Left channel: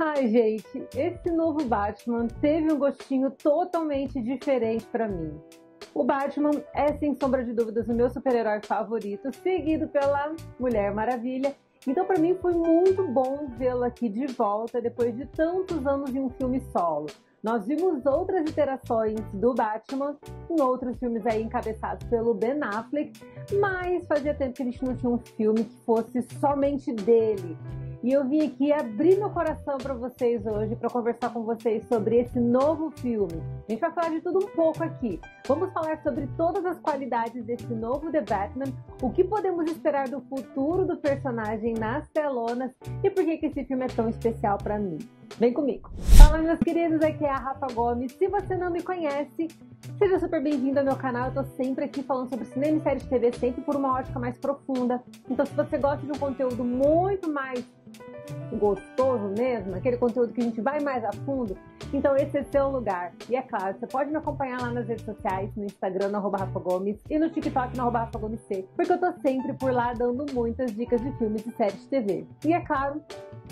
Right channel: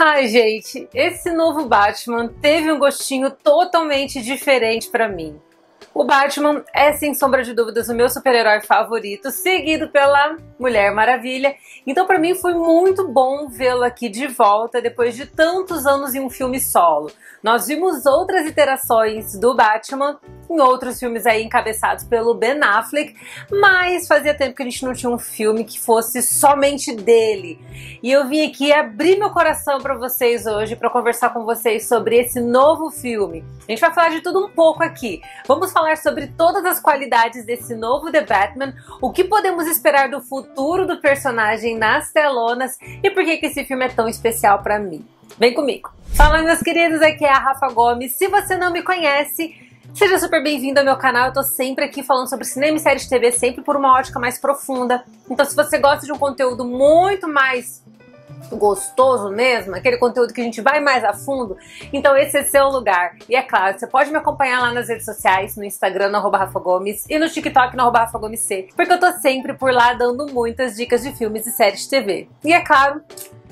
Ai, gente, esse novo Batman teve um gostinho totalmente diferente pra mim. O Batman é, sem sombra de dúvidas, o meu super-herói favorito, seguido pela Mulher Maravilha. Então, pra mim, foi muito bom vê-lo aqui de volta, depois de tantos anos em um filme solo. Nós vimos outras iterações do Batman em outros filmes aí encabeçados pelo Ben Affleck, mas fazia tempo que a gente não tinha um filme que fosse somente dele. E eu vim aqui abrir meu coração pra vocês hoje, pra conversar com vocês sobre esse novo filme. A gente vai falar de tudo um pouco aqui. Vamos falar sobre todas as qualidades desse novo The Batman, o que podemos esperar do futuro do personagem nas telonas e por que esse filme é tão especial pra mim. Vem comigo! Fala, meus queridos, aqui é a Rafa Gomes. Se você não me conhece, seja super bem-vindo ao meu canal. Eu tô sempre aqui falando sobre cinema e séries de TV, sempre por uma ótica mais profunda. Então, se você gosta de um conteúdo muito mais gostoso mesmo, aquele conteúdo que a gente vai mais a fundo, então esse é seu lugar. E é claro, você pode me acompanhar lá nas redes sociais, no Instagram, no @RafaGomes, e no TikTok, no @RafaGomesC, porque eu tô sempre por lá dando muitas dicas de filmes e séries de TV. E é claro,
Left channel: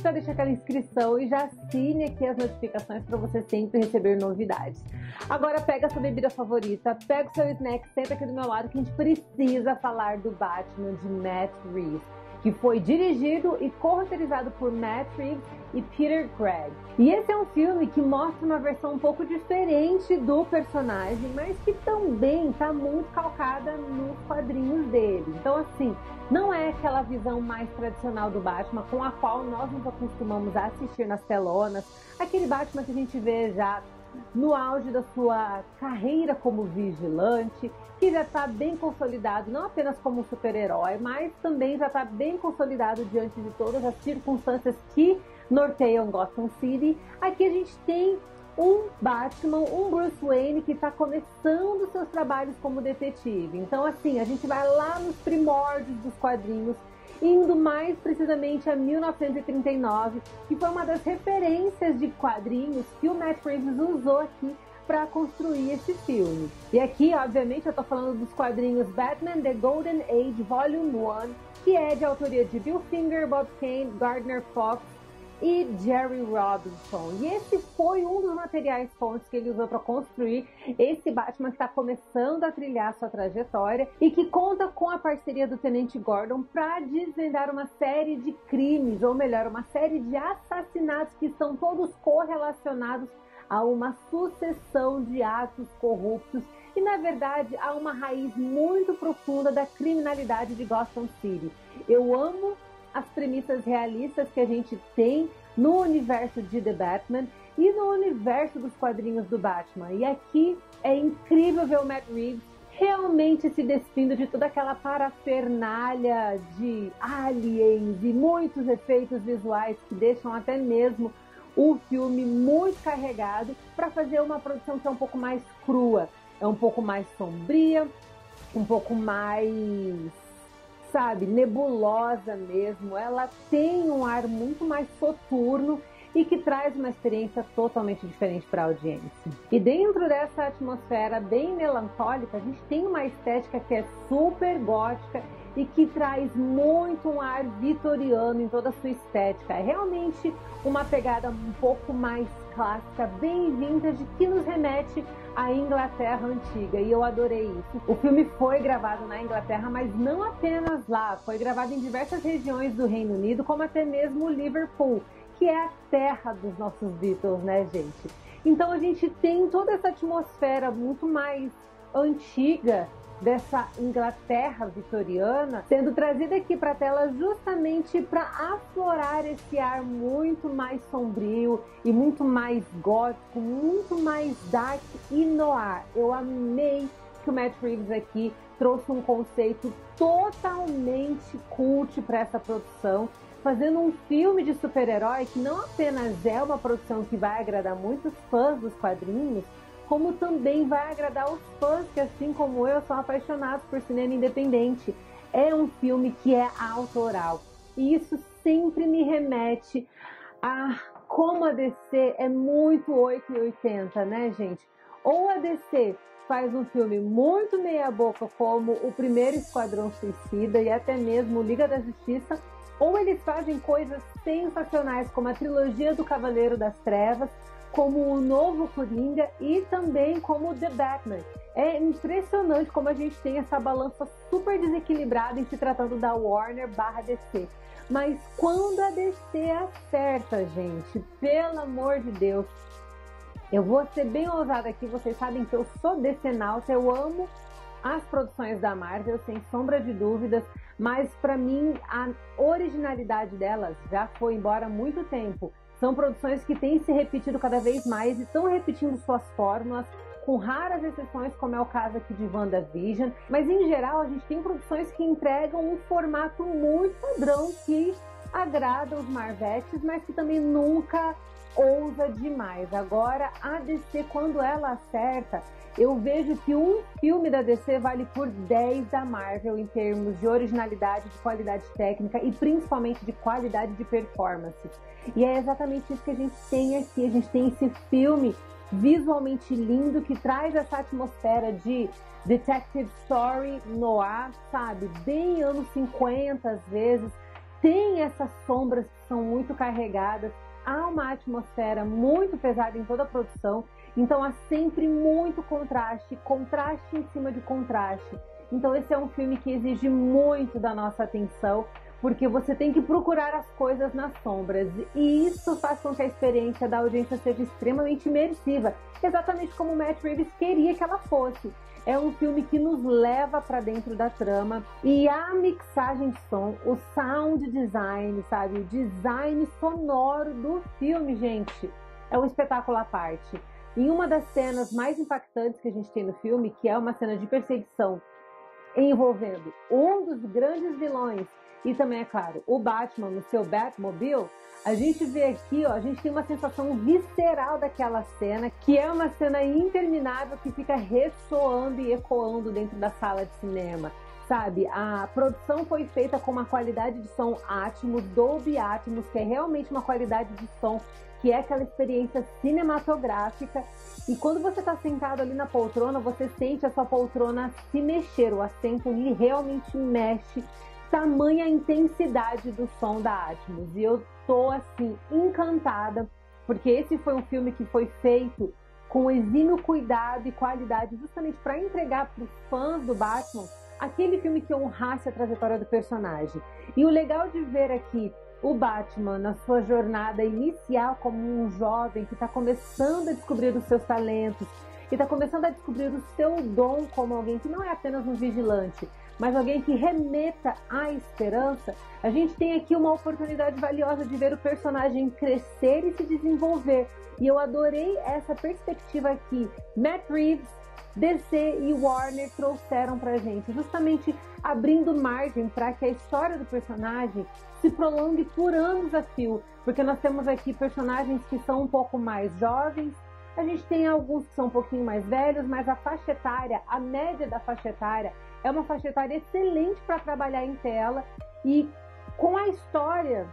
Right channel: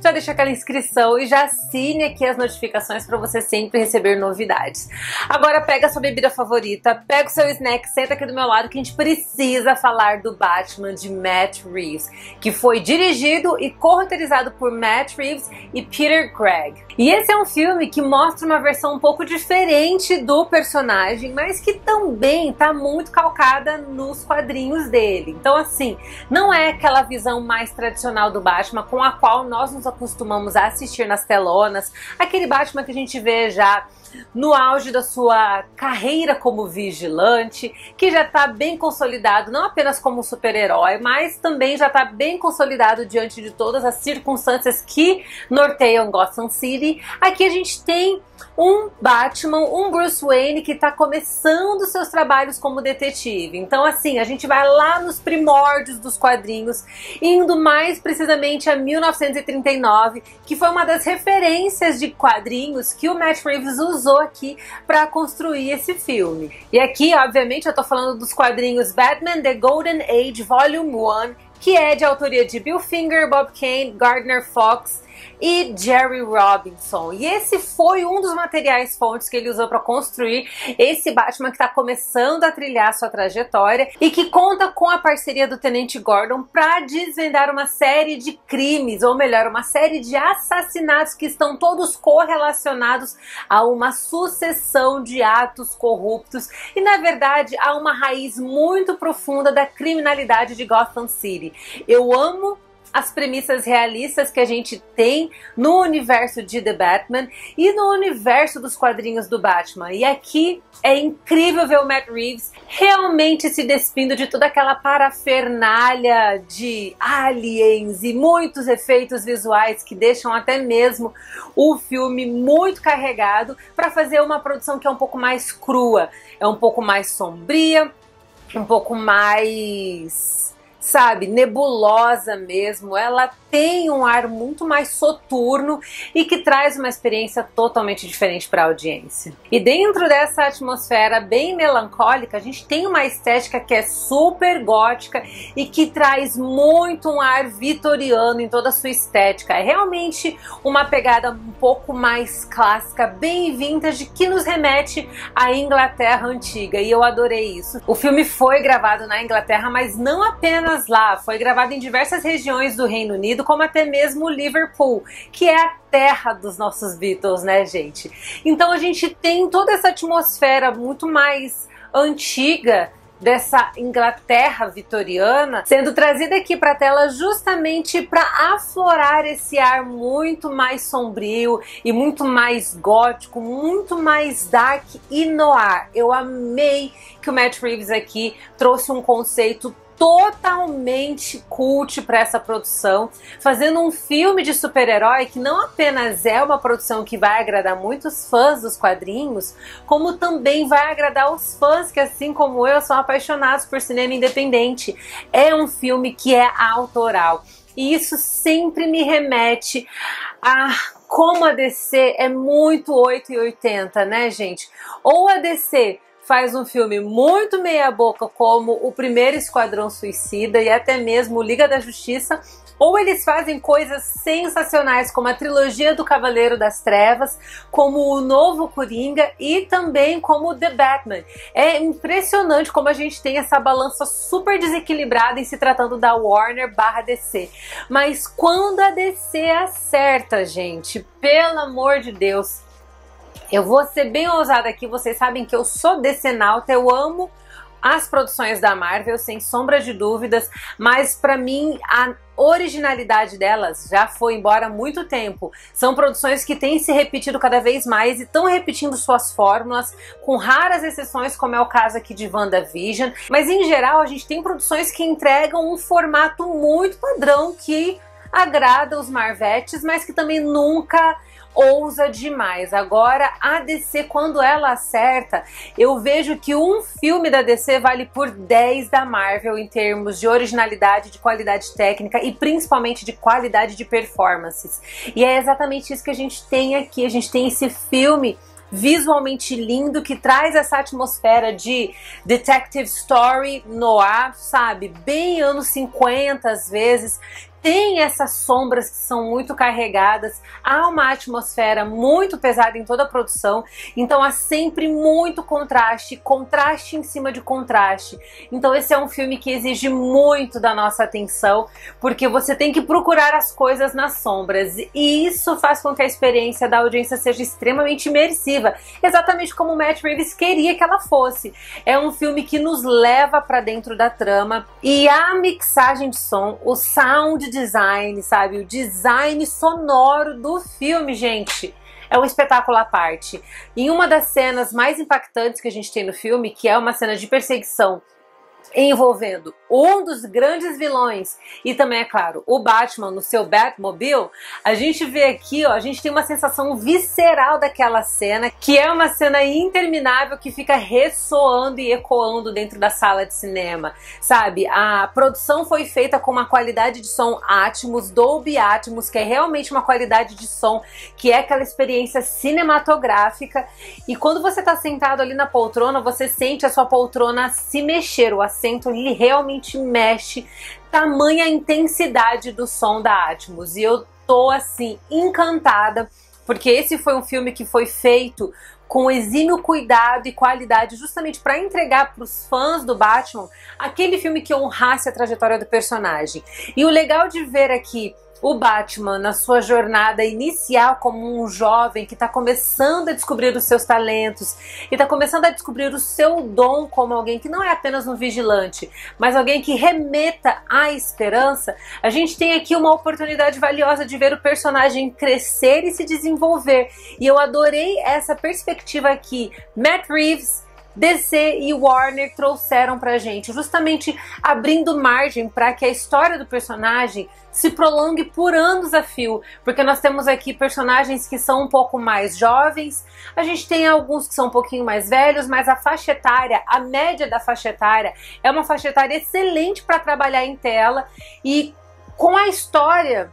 já deixa aquela inscrição e já assine aqui as notificações para você sempre receber novidades. Agora pega a sua bebida favorita, pega o seu snack, senta aqui do meu lado que a gente precisa falar do Batman de Matt Reeves, que foi dirigido e co-roteirizado por Matt Reeves e Peter Craig. E esse é um filme que mostra uma versão um pouco diferente do personagem, mas que também tá muito calcada nos quadrinhos dele. Então, assim, não é aquela visão mais tradicional do Batman com a qual nós nos acostumamos a assistir nas telonas, aquele Batman que a gente vê já no auge da sua carreira como vigilante, que já está bem consolidado, não apenas como super-herói, mas também já está bem consolidado diante de todas as circunstâncias que norteiam Gotham City. Aqui a gente tem um Batman, um Bruce Wayne que está começando seus trabalhos como detetive. Então, assim, a gente vai lá nos primórdios dos quadrinhos, indo mais precisamente a 1939, que foi uma das referências de quadrinhos que o Matt Reeves usou aqui para construir esse filme. E aqui, obviamente, eu tô falando dos quadrinhos Batman The Golden Age Volume 1, que é de autoria de Bill Finger, Bob Kane, Gardner Fox e Jerry Robinson. E esse foi um dos materiais fontes que ele usou para construir esse Batman que está começando a trilhar sua trajetória e que conta com a parceria do Tenente Gordon para desvendar uma série de crimes, ou melhor, uma série de assassinatos que estão todos correlacionados a uma sucessão de atos corruptos e, na verdade, a uma raiz muito profunda da criminalidade de Gotham City. Eu amo as premissas realistas que a gente tem no universo de The Batman e no universo dos quadrinhos do Batman. E aqui é incrível ver o Matt Reeves realmente se despindo de toda aquela parafernália de aliens e muitos efeitos visuais que deixam até mesmo o filme muito carregado para fazer uma produção que é um pouco mais crua, é um pouco mais sombria, um pouco mais, sabe, nebulosa mesmo. Ela tem um ar muito mais soturno e que traz uma experiência totalmente diferente para a audiência. E dentro dessa atmosfera bem melancólica, a gente tem uma estética que é super gótica e que traz muito um ar vitoriano em toda a sua estética. É realmente uma pegada um pouco mais clássica, bem vintage, que nos remete à Inglaterra antiga, e eu adorei isso. O filme foi gravado na Inglaterra, mas não apenas lá, foi gravado em diversas regiões do Reino Unido, como até mesmo Liverpool, que é a terra dos nossos Beatles, né, gente? Então a gente tem toda essa atmosfera muito mais antiga dessa Inglaterra vitoriana sendo trazida aqui para a tela justamente para aflorar esse ar muito mais sombrio e muito mais gótico, muito mais dark e noir. Eu amei que o Matt Reeves aqui trouxe um conceito totalmente cult para essa produção, fazendo um filme de super-herói que não apenas é uma produção que vai agradar muitos fãs dos quadrinhos, como também vai agradar os fãs que, assim como eu, são apaixonados por cinema independente. É um filme que é autoral. E isso sempre me remete a como a DC é muito 8 e 80, né, gente? Ou a DC faz um filme muito meia boca como o primeiro Esquadrão Suicida e até mesmo Liga da Justiça, ou eles fazem coisas sensacionais, como a trilogia do Cavaleiro das Trevas, como o novo Coringa e também como The Batman. É impressionante como a gente tem essa balança super desequilibrada em se tratando da Warner/DC. Mas quando a DC acerta, gente, pelo amor de Deus, eu vou ser bem ousada aqui, vocês sabem que eu sou DC-nauta, eu amo as produções da Marvel, sem sombra de dúvidas, mas pra mim a originalidade delas já foi embora há muito tempo. São produções que têm se repetido cada vez mais e estão repetindo suas fórmulas, com raras exceções, como é o caso aqui de WandaVision, mas em geral a gente tem produções que entregam um formato muito padrão que agrada os Marvetes, mas que também nunca ousa demais. Agora, a DC, quando ela acerta, eu vejo que um filme da DC vale por 10 da Marvel em termos de originalidade, de qualidade técnica e principalmente de qualidade de performances. E é exatamente isso que a gente tem aqui. A gente tem esse filme visualmente lindo, que traz essa atmosfera de detective story noir, sabe? Bem anos 50 às vezes. Tem essas sombras que são muito carregadas, há uma atmosfera muito pesada em toda a produção, então há sempre muito contraste, contraste em cima de contraste. Então esse é um filme que exige muito da nossa atenção, porque você tem que procurar as coisas nas sombras, e isso faz com que a experiência da audiência seja extremamente imersiva, exatamente como o Matt Reeves queria que ela fosse. É um filme que nos leva para dentro da trama, e a mixagem de som, o sound design, sabe? O design sonoro do filme, gente, é um espetáculo à parte. Em uma das cenas mais impactantes que a gente tem no filme, que é uma cena de perseguição envolvendo um dos grandes vilões e também, é claro, o Batman no seu Batmobile, a gente vê aqui, ó, a gente tem uma sensação visceral daquela cena, que é uma cena interminável que fica ressoando e ecoando dentro da sala de cinema, sabe? A produção foi feita com uma qualidade de som Atmos, Dolby Atmos, que é realmente uma qualidade de som, que é aquela experiência cinematográfica, e quando você tá sentado ali na poltrona, você sente a sua poltrona se mexer, o assento ele realmente mexe, tamanha a intensidade do som da Atmos, e eu tô assim encantada, porque esse foi um filme que foi feito com exímio cuidado e qualidade, justamente para entregar para os fãs do Batman aquele filme que honrasse a trajetória do personagem. E o legal de ver aqui o Batman na sua jornada inicial como um jovem que está começando a descobrir os seus talentos e está começando a descobrir o seu dom como alguém que não é apenas um vigilante, mas alguém que remeta à esperança, a gente tem aqui uma oportunidade valiosa de ver o personagem crescer e se desenvolver. E eu adorei essa perspectiva aqui. Matt Reeves, DC e Warner trouxeram pra gente, justamente abrindo margem para que a história do personagem se prolongue por anos a fio, porque nós temos aqui personagens que são um pouco mais jovens, a gente tem alguns que são um pouquinho mais velhos, mas a faixa etária, a média da faixa etária é uma faixa etária excelente para trabalhar em tela, e com a história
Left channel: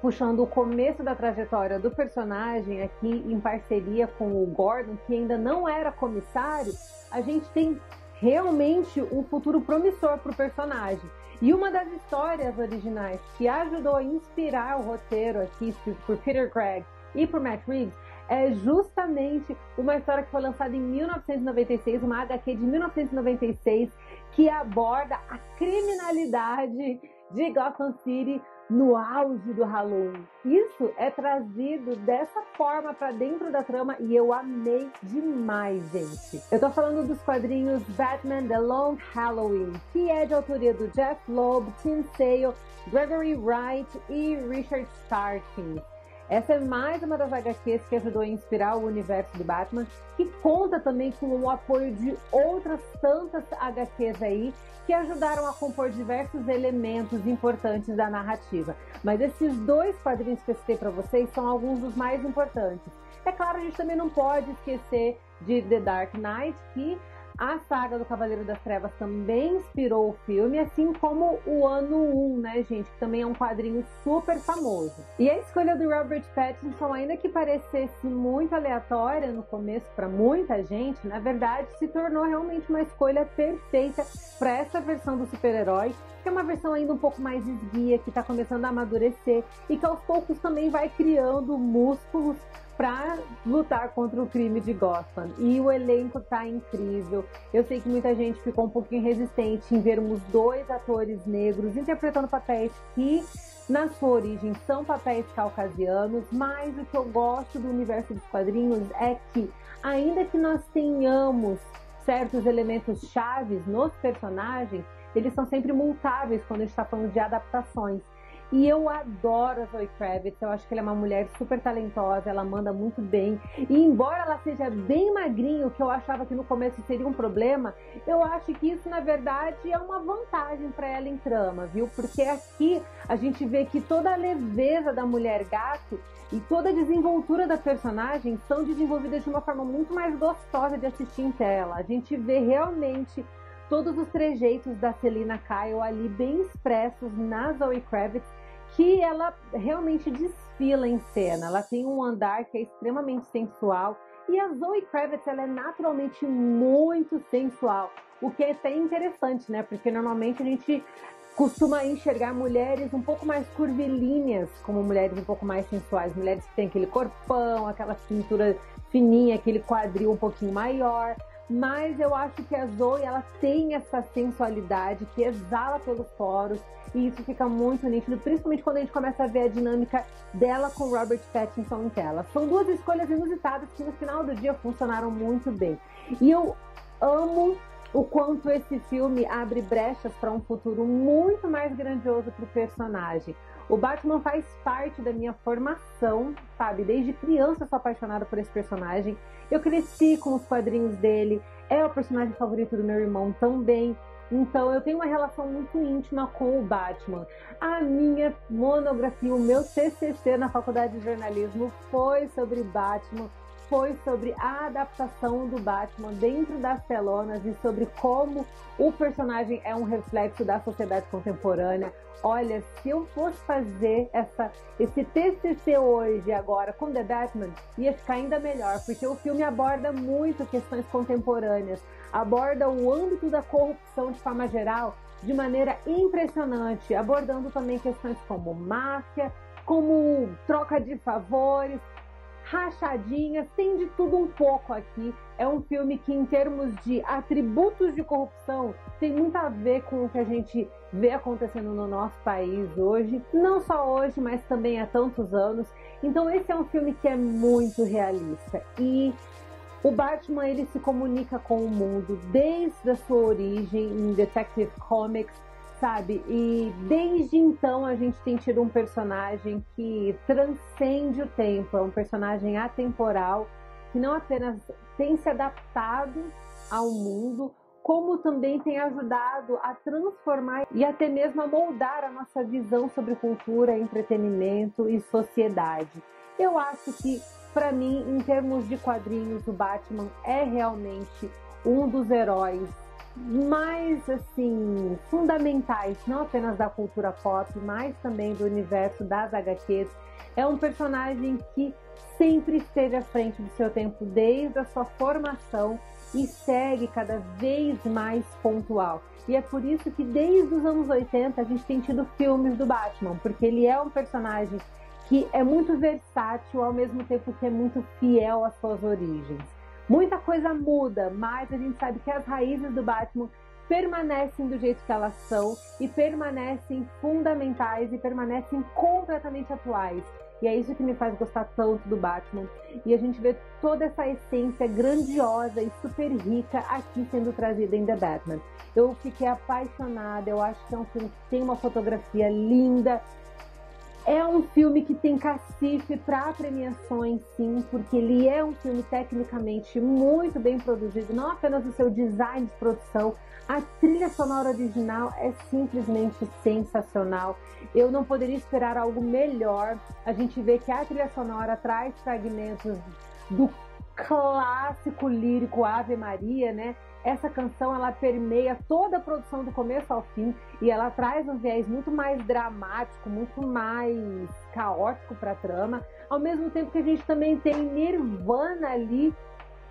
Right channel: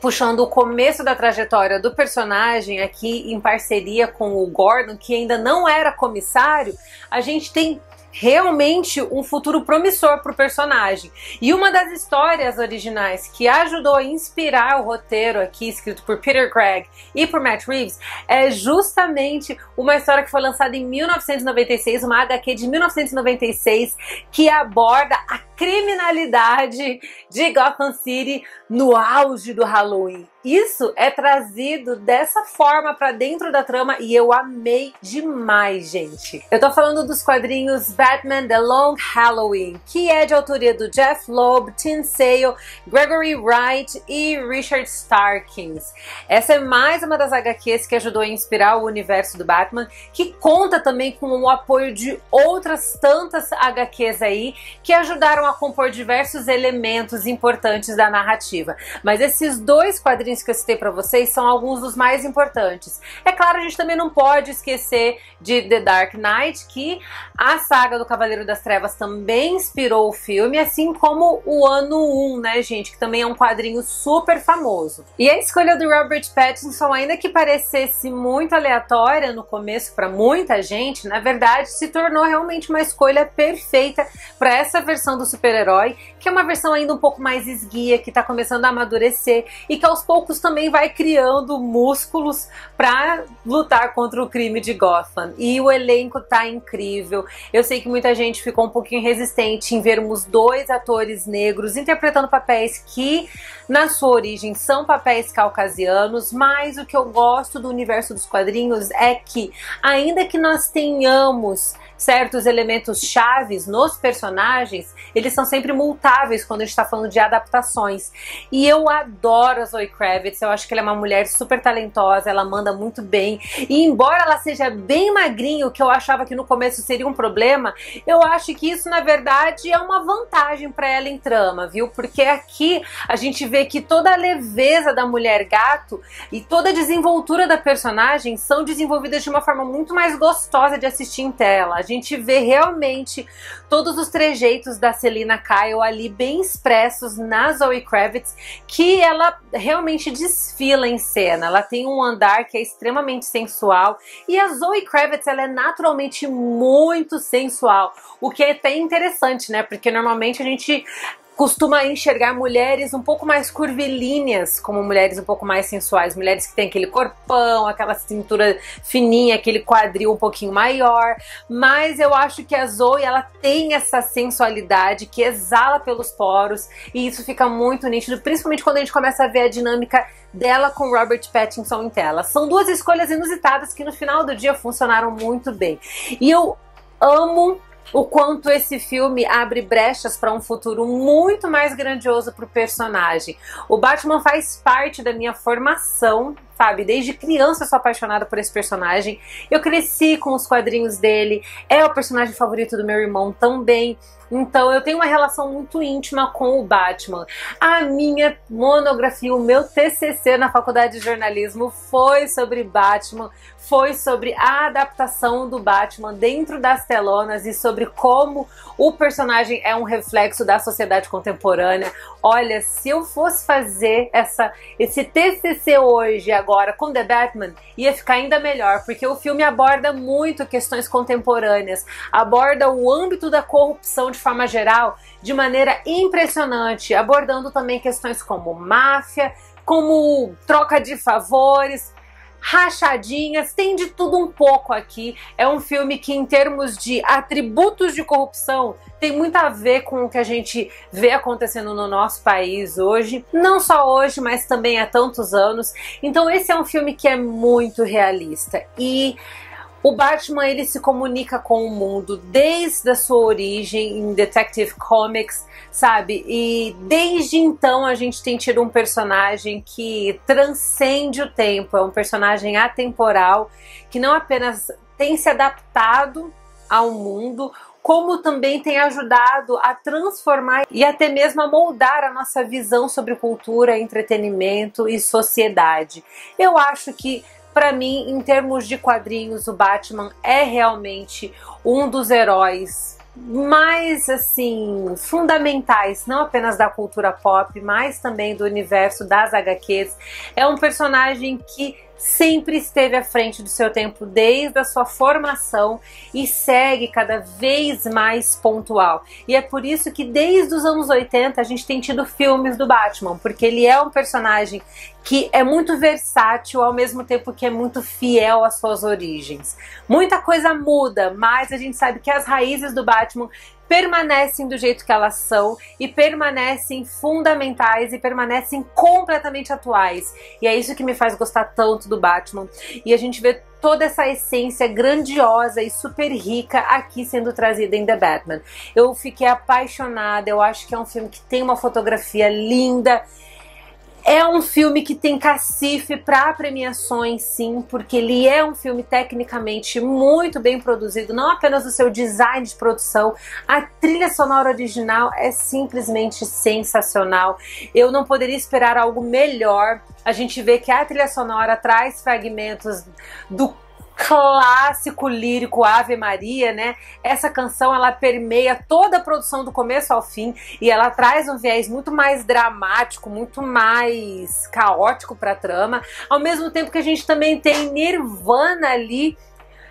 puxando o começo da trajetória do personagem aqui em parceria com o Gordon, que ainda não era comissário, a gente tem realmente um futuro promissor para o personagem. E uma das histórias originais que ajudou a inspirar o roteiro aqui, escrito por Peter Craig e por Matt Reeves, é justamente uma história que foi lançada em 1996, uma HQ de 1996, que aborda a criminalidade de Gotham City no auge do Halloween. Isso é trazido dessa forma para dentro da trama e eu amei demais, gente. Eu tô falando dos quadrinhos Batman The Long Halloween, que é de autoria do Jeff Loeb, Tim Sale, Gregory Wright e Richard Starkins. Essa é mais uma das HQs que ajudou a inspirar o universo do Batman, que conta também com o apoio de outras tantas HQs aí, que ajudaram a compor diversos elementos importantes da narrativa. Mas esses dois quadrinhos quadrinhos que eu citei pra vocês são alguns dos mais importantes. É claro, a gente também não pode esquecer de The Dark Knight, que a saga do Cavaleiro das Trevas também inspirou o filme, assim como o Ano 1, né, gente, que também é um quadrinho super famoso. E a escolha do Robert Pattinson, ainda que parecesse muito aleatória no começo para muita gente, na verdade se tornou realmente uma escolha perfeita para essa versão do super-herói, que é uma versão ainda um pouco mais esguia, que tá começando a amadurecer e que aos poucos também vai criando músculos para lutar contra o crime de Gotham. E o elenco tá incrível. Eu sei que muita gente ficou um pouquinho resistente em vermos dois atores negros interpretando papéis que na sua origem são papéis caucasianos, mas o que eu gosto do universo dos quadrinhos é que, ainda que nós tenhamos certos elementos chaves nos personagens, eles são sempre multáveis quando a gente está falando de adaptações. E eu adoro a Zoe Kravitz, eu acho que ela é uma mulher super talentosa, ela manda muito bem. E embora ela seja bem magrinha, o que eu achava que no começo seria um problema, eu acho que isso na verdade é uma vantagem para ela em trama, viu? Porque aqui a gente vê que toda a leveza da mulher gato e toda a desenvoltura da personagem são desenvolvidas de uma forma muito mais gostosa de assistir em tela. A gente vê realmente todos os trejeitos da Selina Kyle ali bem expressos na Zoe Kravitz, que ela realmente desfila em cena. Ela tem um andar que é extremamente sensual e a Zoe Kravitz, ela é naturalmente muito sensual, o que é até interessante, né? Porque normalmente a gente costuma enxergar mulheres um pouco mais curvilíneas como mulheres um pouco mais sensuais, mulheres que têm aquele corpão, aquela cintura fininha, aquele quadril um pouquinho maior, mas eu acho que a Zoe, ela tem essa sensualidade que exala pelos poros e isso fica muito nítido, principalmente quando a gente começa a ver a dinâmica dela com Robert Pattinson em tela. São duas escolhas inusitadas que no final do dia funcionaram muito bem. E eu amo o quanto esse filme abre brechas para um futuro muito mais grandioso para o personagem. O Batman faz parte da minha formação, sabe? Desde criança eu sou apaixonada por esse personagem. Eu cresci com os quadrinhos dele, é o personagem favorito do meu irmão também. Então eu tenho uma relação muito íntima com o Batman. A minha monografia, o meu TCC na faculdade de jornalismo foi sobre Batman, foi sobre a adaptação do Batman dentro das telonas e sobre como o personagem é um reflexo da sociedade contemporânea. Olha, se eu fosse fazer esse TCC hoje, agora, com The Batman, ia ficar ainda melhor, porque o filme aborda muito questões contemporâneas, aborda o âmbito da corrupção de forma geral, de maneira impressionante, abordando também questões como máfia, como troca de favores, rachadinhas, tem de tudo um pouco aqui. É um filme que, em termos de atributos de corrupção, tem muito a ver com o que a gente vê acontecendo no nosso país hoje, não só hoje, mas também há tantos anos. Então esse é um filme que é muito realista e o Batman, ele se comunica com o mundo desde a sua origem em Detective Comics, sabe? E desde então a gente tem tido um personagem que transcende o tempo, é um personagem atemporal, que não apenas tem se adaptado ao mundo, como também tem ajudado a transformar e até mesmo a moldar a nossa visão sobre cultura, entretenimento e sociedade. Eu acho que, para mim, em termos de quadrinhos, o Batman é realmente um dos heróis mais, assim, fundamentais, não apenas da cultura pop, mas também do universo das HQs. É um personagem que sempre esteve à frente do seu tempo desde a sua formação e segue cada vez mais pontual. E é por isso que desde os anos 80 a gente tem tido filmes do Batman, porque ele é um personagem que é muito versátil ao mesmo tempo que é muito fiel às suas origens. Muita coisa muda, mas a gente sabe que as raízes do Batman permanecem do jeito que elas são e permanecem fundamentais e permanecem completamente atuais. E é isso que me faz gostar tanto do Batman. E a gente vê toda essa essência grandiosa e super rica aqui sendo trazida em The Batman. Eu fiquei apaixonada, eu acho que é um filme que tem uma fotografia linda. É um filme que tem cacife para premiações, sim, porque ele é um filme tecnicamente muito bem produzido, não apenas o seu design de produção, a trilha sonora original é simplesmente sensacional. Eu não poderia esperar algo melhor. A gente vê que a trilha sonora traz fragmentos do clássico lírico Ave Maria, né? Essa canção ela permeia toda a produção do começo ao fim e ela traz um viés muito mais dramático, muito mais caótico para a trama, ao mesmo tempo que a gente também tem Nirvana ali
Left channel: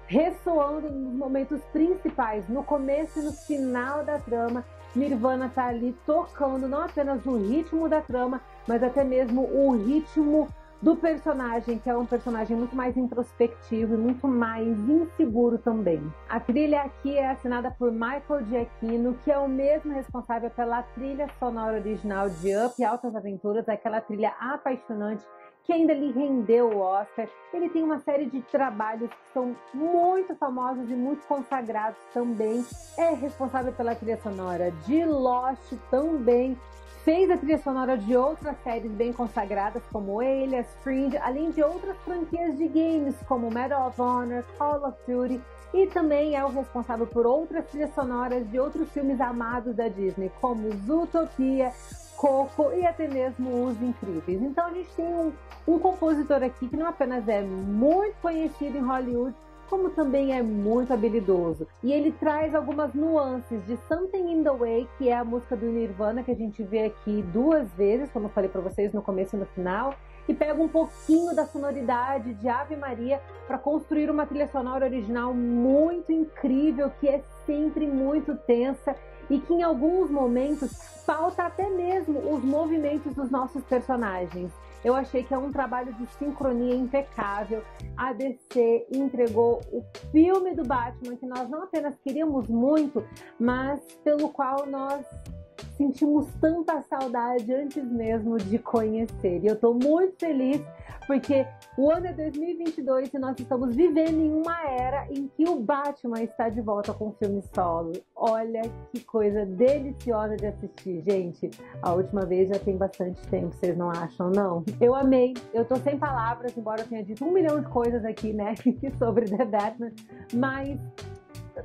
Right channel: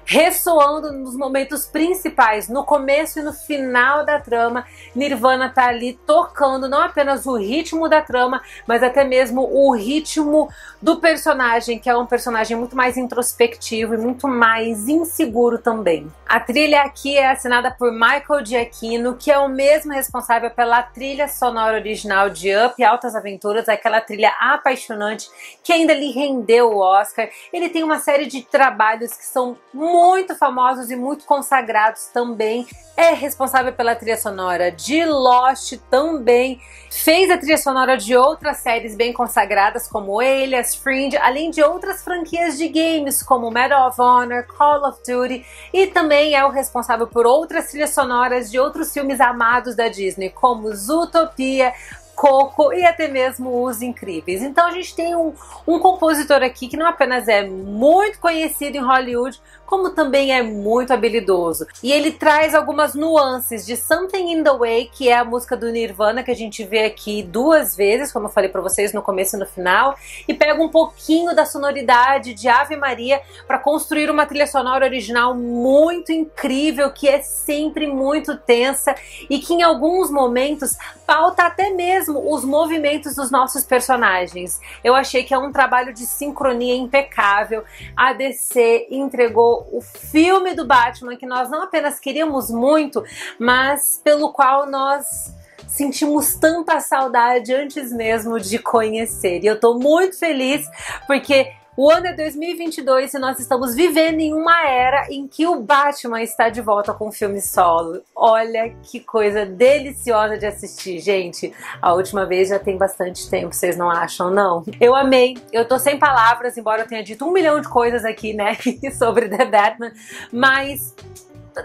ressoando nos momentos principais, no começo e no final da trama. Nirvana tá ali tocando não apenas o ritmo da trama, mas até mesmo o ritmo do personagem, que é um personagem muito mais introspectivo e muito mais inseguro também. A trilha aqui é assinada por Michael Giacchino, que é o mesmo responsável pela trilha sonora original de Up e Altas Aventuras, aquela trilha apaixonante que ainda lhe rendeu o Oscar. Ele tem uma série de trabalhos que são muito famosos e muito consagrados também. É responsável pela trilha sonora de Lost também. Fez a trilha sonora de outras séries bem consagradas como Alias, Fringe, além de outras franquias de games como Medal of Honor, Call of Duty, e também é o responsável por outras trilhas sonoras de outros filmes amados da Disney como Zootopia, Coco e até mesmo Os Incríveis. Então a gente tem um compositor aqui que não apenas é muito conhecido em Hollywood, como também é muito habilidoso. E ele traz algumas nuances de Something in the Way, que é a música do Nirvana, que a gente vê aqui duas vezes, como eu falei pra vocês no começo e no final, e pega um pouquinho da sonoridade de Ave Maria para construir uma trilha sonora original muito incrível, que é sempre muito tensa e que em alguns momentos pauta até mesmo os movimentos dos nossos personagens. Eu achei que é um trabalho de sincronia impecável. A DC entregou o filme do Batman que nós não apenas queríamos muito, mas pelo qual nós sentimos tanta saudade antes mesmo de conhecer. E eu tô muito feliz porque o ano é 2022 e nós estamos vivendo em uma era em que o Batman está de volta com o filme solo. Olha que coisa deliciosa de assistir, gente. A última vez já tem bastante tempo, vocês não acham, não? Eu amei, eu tô sem palavras, embora eu tenha dito 1 milhão de coisas aqui, né, sobre The Batman, mas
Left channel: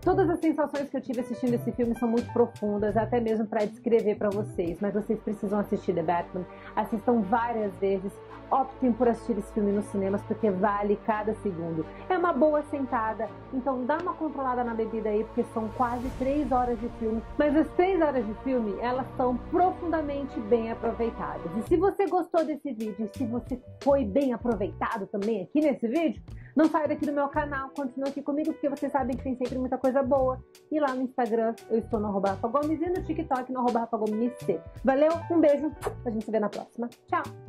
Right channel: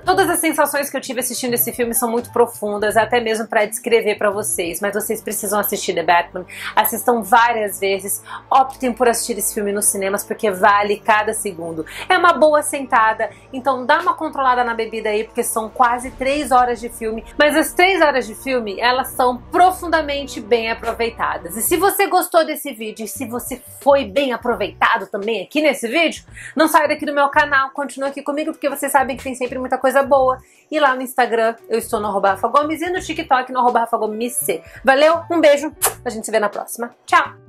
todas as sensações que eu tive assistindo esse filme são muito profundas, até mesmo para descrever para vocês, mas vocês precisam assistir The Batman, assistam várias vezes, optem por assistir esse filme nos cinemas porque vale cada segundo. É uma boa sentada, então dá uma controlada na bebida aí porque são quase 3 horas de filme, mas as 3 horas de filme, elas são profundamente bem aproveitadas. E se você gostou desse vídeo e se você foi bem aproveitado também aqui nesse vídeo, não saia daqui do meu canal, continua aqui comigo porque vocês sabem que tem sempre muita coisa boa. E lá no Instagram eu estou no @RafaGomes e no TikTok no @RafaGomesC. Valeu, um beijo, a gente se vê na próxima. Tchau!